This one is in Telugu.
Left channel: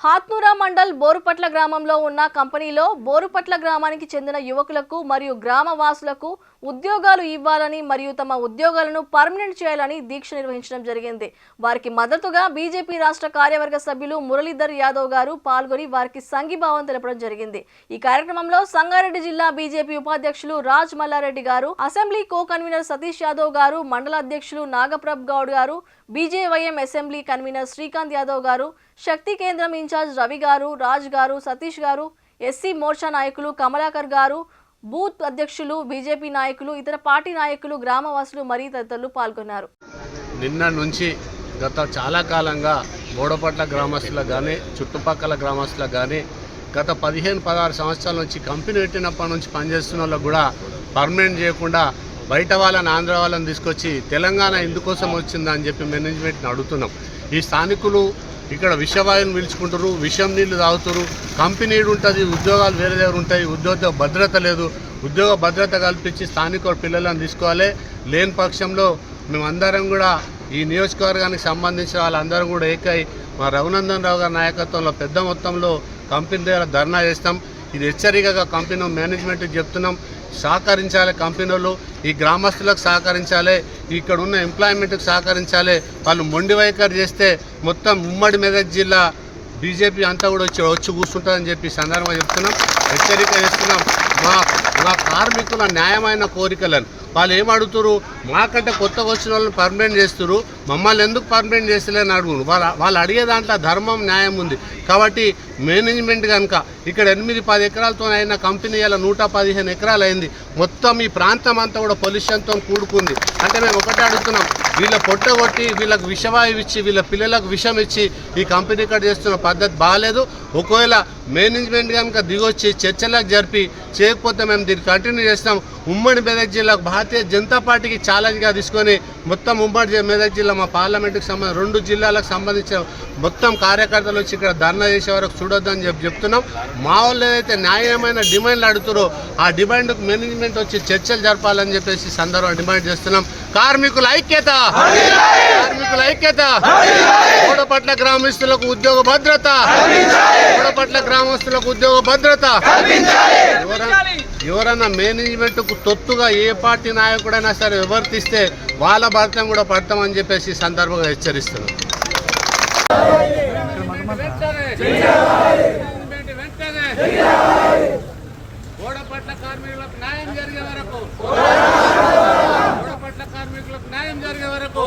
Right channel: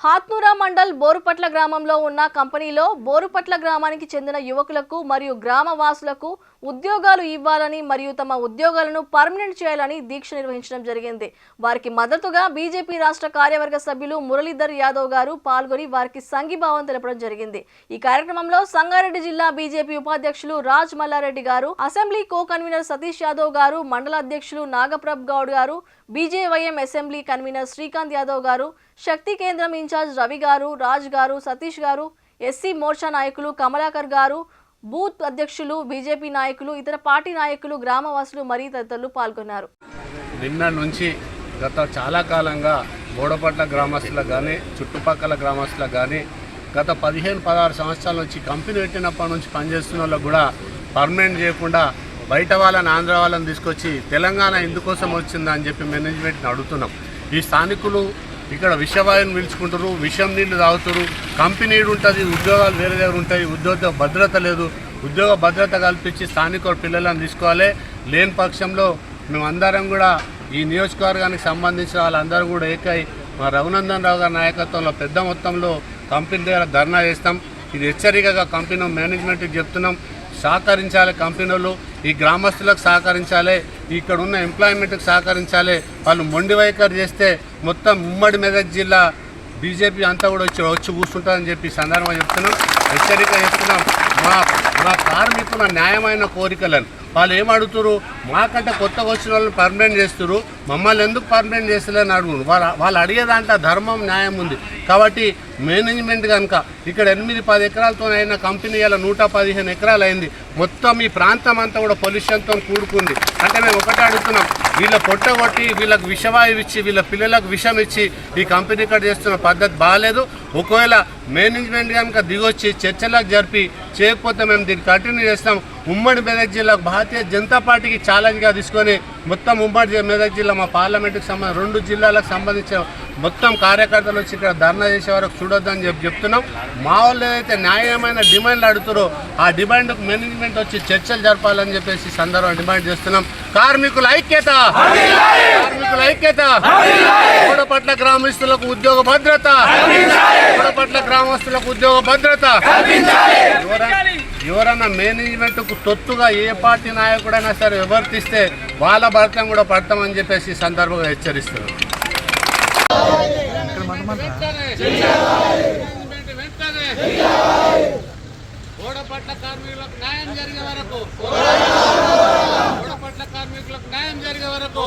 హాత్నూరా మండల్ బోరుపట్ల గ్రామంలో ఉన్న కంపెనీలో బోరుపట్ల గ్రామానికి చెందిన యువకులకు మరియు గ్రామ వాసులకు ఉద్యోగాలు ఇవ్వాలని మరియు తమ ఉద్యోగాలను పర్మనెంట్ చేయాలని దీక్ష నిర్వహించడం జరిగింది. వారికి మద్దతుగా బీజేపీ రాష్ట్ర కార్యవర్గ సభ్యులు మురళీధర్ యాదవ్ గారు పాల్గొని వారికి సంఘీభావం తెలపడం జరిగింది. ఈ కార్యక్రమంలో సంగారెడ్డి జిల్లా బీజేపీ ఉపాధ్యక్షులు రాజ్ మల్లారెడ్డి గారు assembly co convener Satish Yadav గారు మండల అధ్యక్షులు నాగప్రభ్ గౌడ్ గారు BJYM assembly convener Srikanth Yadav గారు శక్తి కేంద్రం ఇన్ఛార్జ్ రవి గారు రాజ్ గారు సతీష్ గారు ఎస్సీ మోర్చా నాయకులు కమలాకర్ గారు బూత్ అధ్యక్షులు బీజేపీ నాయకులు ఇతర పార్టీ నాయకులు గ్రామవాసులు మరియు తదితరులు పాల్గొన్నారు. నిన్న నుంచి గత చాలా కాలంగా బోడపట్ల గ్రామస్తులకు కానీ చుట్టుపక్కల గ్రామస్తులకు కానీ గత పదిహేను పదహారు సంవత్సరాల నుంచి కంపెనీ పెట్టినప్పటి నుంచి పనిచేస్తున్న వాళ్ళకు కూడా పర్మనెంట్ చేయకుండా బయట వాళ్ళని ఆంధ్ర వాళ్ళని తీసుకొచ్చి తెలంగాణ ఎందుకోసం వచ్చిందని చెప్పి మేనేజ్మెంట్ని అడుగుతున్నాం. ఈ స్థానికులు ఇక్కడ విషవాయువుని పీల్చుకుంటారు విషం నీళ్ళు తాగుతారు కంపెనీ ఉంటుంది ఉద్యోగాలు వేరే దగ్గర ఉంటాయి ఉద్యోగ భద్రత లేదు. ఉద్యోగ భద్రత కల్పించి స్థానిక పిల్లలను తీసుకోవాలి. లేని పక్షంలో మేమందరం కూడా ఈ నియోజకవర్గానికి సంబంధించిన వాళ్ళందరం కూడా ఏకై మా రఘునందన్ రావు గారి నాయకత్వంలో పెద్ద మొత్తంలో కంపెనీ దగ్గర ధర్నా చేస్తాం. ఇది హెచ్చరికగా కంపెనీ మేనేజ్మెంట్కి చెప్తున్నాం. సహకరించాలి కంపెనీలు ఈ గ్రామస్తులకు సహకరించాలి ఇక్కడ ఉన్న ఎంప్లాయ్మెంట్కి సహకరించాలి. వాళ్ళు మొండి వైఖరి చేస్తే మొత్తం ఉమ్మడి మెదక్ జిల్లా బీజేపీ అంతా కూడా వచ్చి వచ్చి కూర్చుంటుందని చెప్పి సందర్భంగా చెప్తున్నాం. హెచ్చరిక చేస్తున్నాం. మా మా కార్మికుల న్యాయమైన కోరికలను. వాళ్ళు ఏం అడుగుతారు మాకంటే కొత్తగా వచ్చిన వాళ్ళని పర్మనెంట్ చేస్తారు మమ్మల్ని ఎందుకు పర్మనెంట్ చేస్తలేని అడుగు వాళ్ళ వాళ్ళు అడిగే దాంట్లో ధర్మం న్యాయం ఉంది. కాబట్టి మేనేజ్మెంట్ కనుక ఇక్కడ ఎనిమిది పది ఎకరాలతో అయిన కంపెనీ ఇలా నూట పదిహేను ఎకరాలు అయింది మొత్తం ఈ ప్రాంతం అంతా కూడా పొల్యూషన్తో కూడుకుంది. అంటే మేము ఒకటే అడుగుతున్నాం వీళ్ళ పొట్ట కొట్టి వీళ్ళకి విషవాయువు ఇచ్చి వీళ్ళ పిల్లలకు విషం ఇచ్చి ఈ కంపెనీ ఇక్కడ చేస్తున్న పద్ధతి బాగాలేదు. ఒకవేళ మేనేజ్మెంట్ కనుక దిగొచ్చి చర్చలకు జరిపి చేయకపోతే మేము దీన్ని కంటిన్యూ చేస్తాం. ఉమ్మడి మెదక్ జిల్లాకు భారతీయ జనతా పార్టీకి ఛాలెంజ్గా తీసుకొని మొత్తం ఉమ్మడి మెదక్ జిల్లా మా పార్లమెంటుకి సంబంధించి రెండు జిల్లాలకు సంబంధించిన మొత్తం కార్యకర్తలు వచ్చి ఇక్కడ ధర్నా చేసే వరకు చూడొద్దని చెప్పి చెప్తున్నాం. మా వాళ్ళు ఏదైతే న్యాయమైన డిమాండ్లు అడుగుతారో ఆ డిమాండ్కు మేనేజ్మెంట్ వచ్చి చర్చలు జరపాలని చెప్పేసి సందర్భం డిమాండ్ చేస్తున్నాం. కార్మికుల ఐక్యత! కార్మికుల ఐక్యత! కూడపట్ల గ్రామస్తులకు ఉద్యోగ భద్రత! కూడపట్ల గ్రామస్తులకు ఉద్యోగ భద్రత! ఎవరన్నా మేనేజ్మెంట్కు తొత్తుగా ఏ పార్టీ నాయకుడైనా సరే వివర్తిస్తే వాళ్ళ భర్తం కూడా పడతామని చెప్పేసి సందర్భంగా హెచ్చరిస్తున్నారు సందర్భంగా హెచ్చరిస్తున్నాం ఓడపట్ల కార్మికులకు న్యాయం జరిగే వరకు ఓడపట్ల కార్మికులకు న్యాయం జరిగే వరకు